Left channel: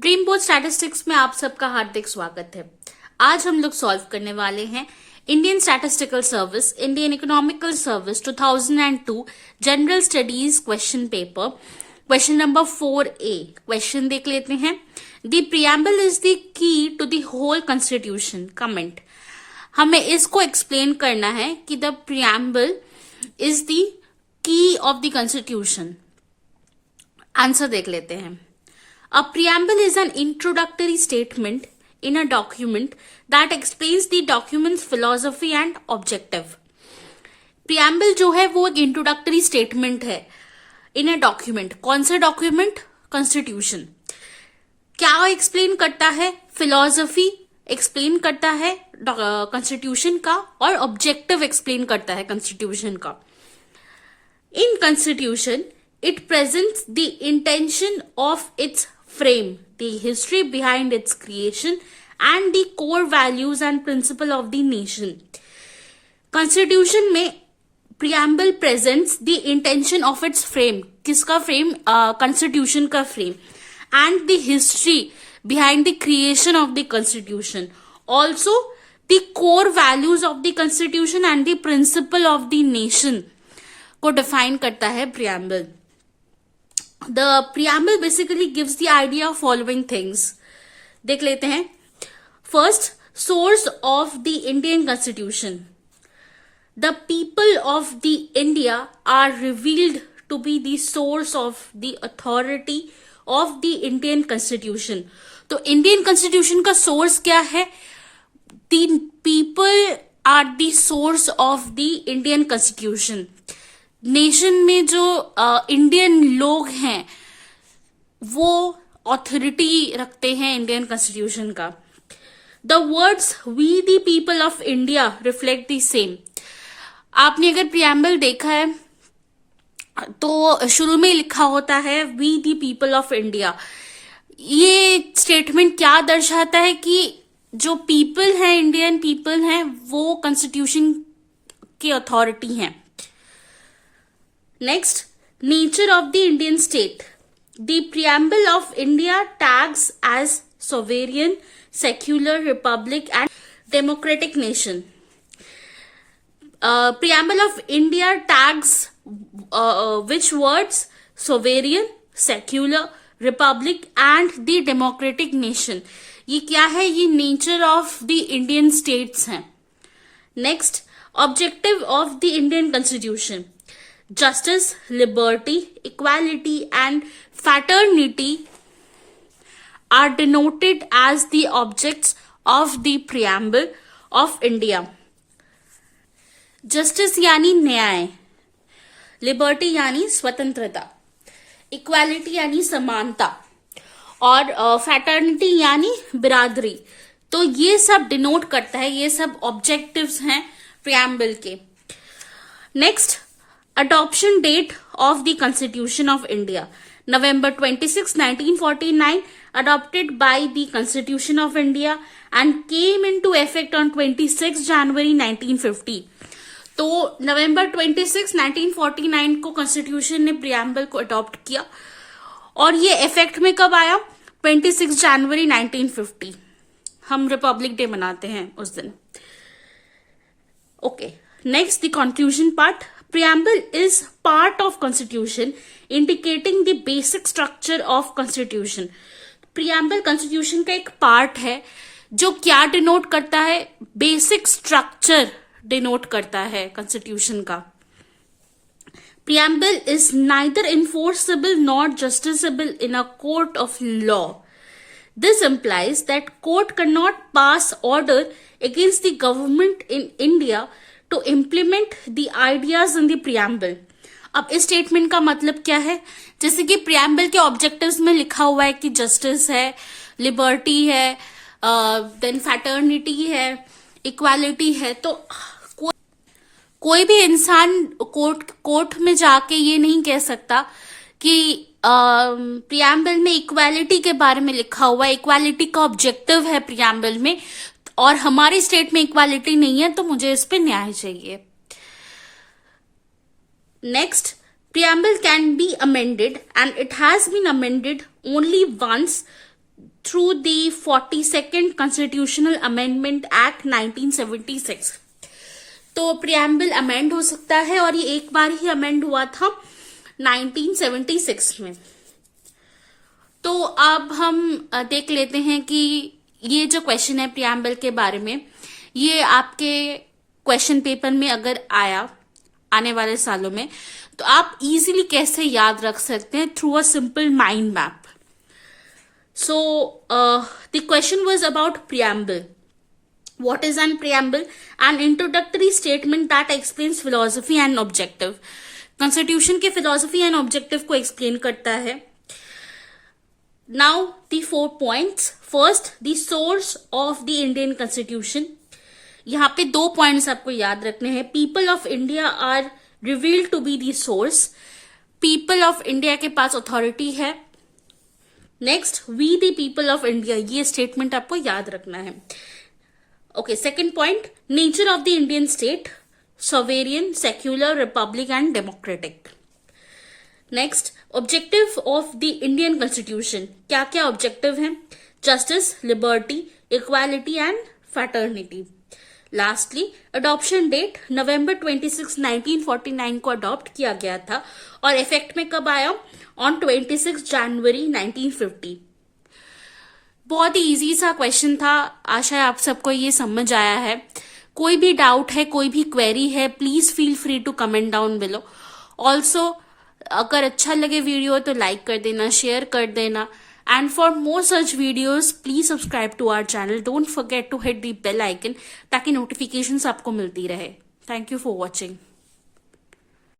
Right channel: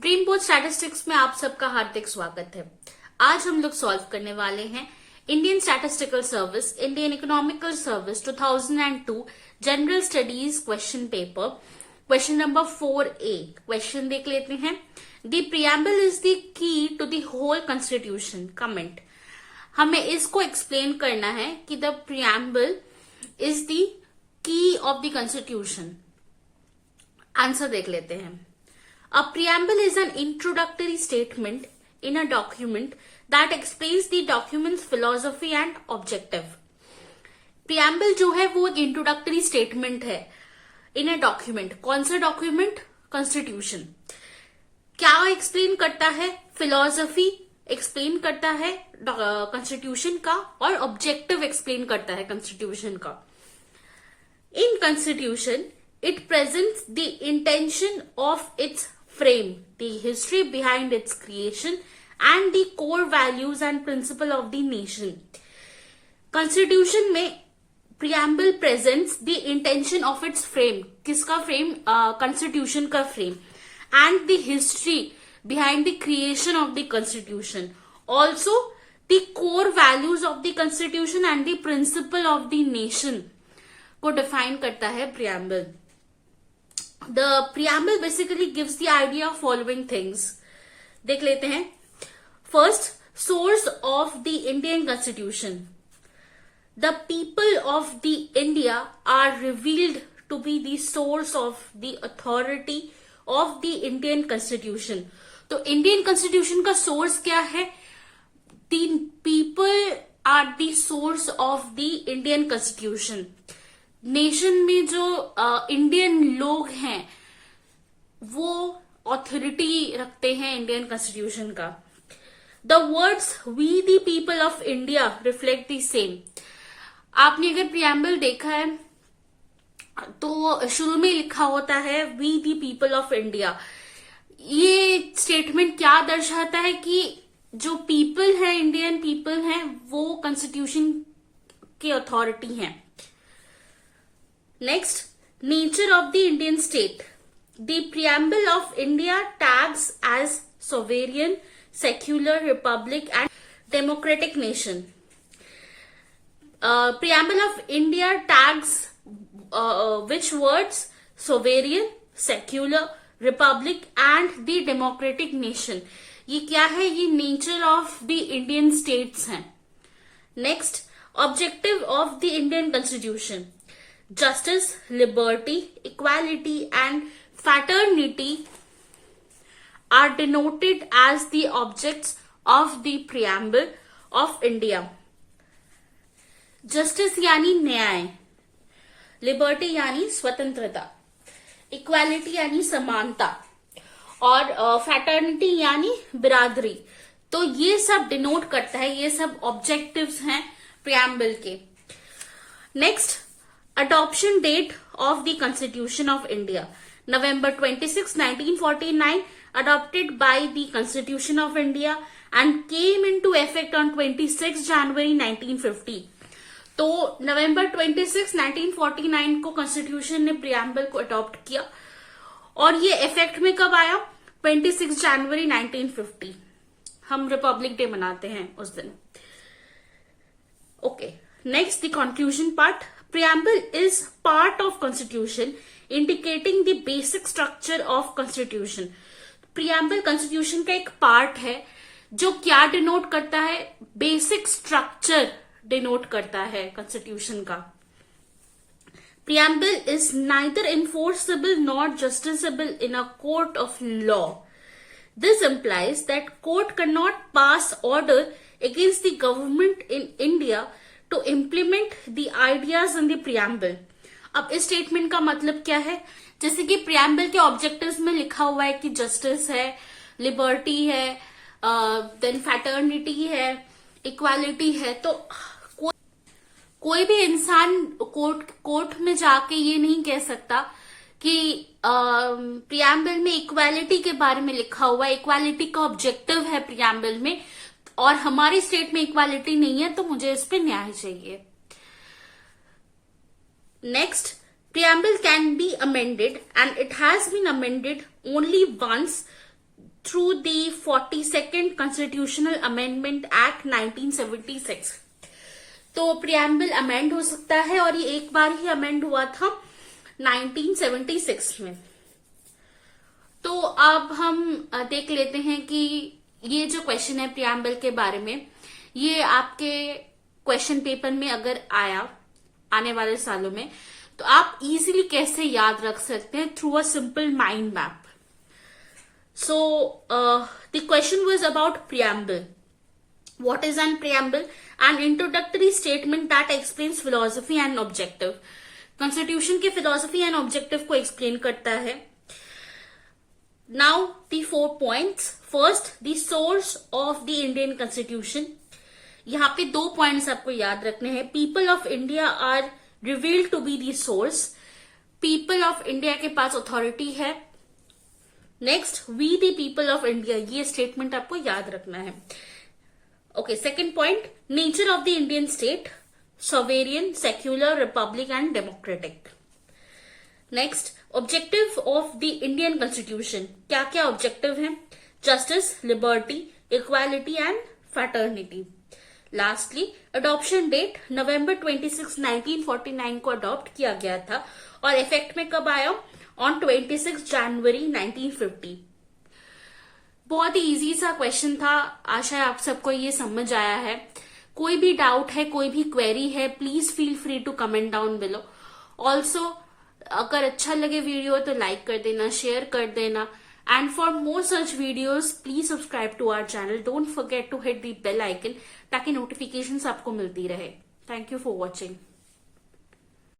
Dream board statistics में आप सबका हार्दिक स्वागत है। आज हम लोग सॉल्व करने वाले हैं Indian statistical service, Indian economical service 2002 general studies question paper, question number 4A। Question देख लेते हैं। The preamble is the key to the whole constitution. Comment, हमें इसको एक्सप्लेन करना है कि the preamble is the key of the constitution. Answer देख लेते हैं। A preamble is an introductory statement in a document that explains the document's philosophy and objective. Preamble जो है वो एक introductory statement है in a document। कौन सा document? Constitution। क्या explain करता है? Philosophy explain करता है Constitution का, और objective explain करता है Constitution का। In Constitution, it presents the intention of its frame, the history behind its creation, and the core values and principle of the nation. Constitution में preamble presents the intention of its frame। किसका frame? Constitution का frame, and the history behind the creation of the Constitution. Also, the core values of the Constitution and the principle of the nation को define करता है preamble। The preamble basically gives the idea of following things। देख लेते हैं। First, source of the Indian Constitution। The people of the India are revealed to be the source of the authority of the Indian Constitution। तो Indian Constitution का source क्या है? The people are the source of the Indian Constitution। Nation में जो Indian लोग हैं वो authority रखते हैं इंडियन कॉन्स्टिट्यूशन का। The words we the people of India reflect the same. आपने अगर प्रियम्बल देखा है तो शुरू में लिखा होता है we the people of India. ये स्टेटमेंट क्या दर्शाता है कि जो पीपल है, इंडियन पीपल हैं, वो कॉन्स्टिट्यूशन की अथॉरिटी हैं। Next, nature of the Indian state. The preamble of India tags as sovereign, secular, republic and democratic nation. Preamble of India tags which words? Sovereign, secular, republic and the democratic nation. ये क्या है? ये nature of the Indian states हैं। Next, objective of the Indian constitution. Justice, liberty, equality and fraternity are denoted as the objects of the preamble of India। Justice यानी न्याय, liberty यानी स्वतंत्रता, equality यानी समानता, और fraternity यानी बिरादरी। तो ये सब डिनोट करता है, ये सब ऑब्जेक्टिव्स हैं preamble के। Next, Adoption date of the Constitution of India. November 26, 1949, adopted by the Constitution of India and came into effect on 26 January 1950. तो November 26, 1949 को Constitution ने preamble को adopt किया और ये effect में कब आया? 26 January 1950। हम Republic Day मनाते हैं उस दिन। Okay, next the conclusion part. Preamble is part of Constitution, indicating the basic structure of Constitution। Preamble Constitution का एक part है जो क्या डिनोट करता है? बेसिक स्ट्रक्चर डिनोट करता है Constitution का। Preamble is neither enforceable nor justiciable in a court of law। This implies that court cannot pass order against the government in India to implement the ideas in the preamble। अब इस statement का मतलब क्या है? जैसे कि preamble के objectives में लिखा हुआ है कि जस्टिस है, लिबर्टी है, देन फैटर्निटी है, इक्वालिटी है। तो कोई भी इंसान कोर्ट में जाके ये नहीं कह सकता कि preamble में इक्वालिटी के बारे में लिखा हुआ है, इक्वालिटी का ऑब्जेक्टिव है preamble में, और हमारी स्टेट में इक्वालिटी नहीं है, तो मुझे इस पे न्याय चाहिए। Next, preamble can be amended and it has been amended only once through the 42nd Constitutional Amendment Act 1976. तो प्रियम्बल अमेंड हो सकता है और ये एक बार ही अमेंड हुआ था 1976 में। तो अब हम देख लेते हैं कि ये जो क्वेश्चन है प्रियम्बल के बारे में, ये आपके क्वेश्चन पेपर में अगर आया आने वाले सालों में तो आप इजीली कैसे याद रख सकते हैं through a simple mind map. So the question was about preamble. What is an preamble? An introductory statement that explains philosophy and objective. Constitution के philosophy and objective को explain करता है. Now the 4 points. First, the source of the Indian Constitution. यहाँ पे 2 points आपको याद रखने हैं. People of India are revealed to be the source. People of India के पास authority है. Next, we the people of India. ये statement आपको याद रखना है. Okay, second point, nature of the Indian state, sovereign, secular, republic and democratic. Next, objective of the Indian constitution. क्या क्या objective हैं? Justice, liberty, equality and fraternity. Lastly, adoption date, November 26, 1949 को adopt किया गया था और effect में कब आया? On 26 January 1950. बहुत ही इजी सा क्वेश्चन था, आशा है आप सबको ये समझ आया है। कोई भी डाउट है, कोई भी क्वेरी है, please feel free to comment down below. Also अगर अच्छा लगे वीडियो तो लाइक कर देना, शेयर कर देना, and for more such videos please subscribe to our channel. Don't forget to hit the bell icon ताकि नोटिफिकेशंस आपको मिलती रहे। Thank you for watching.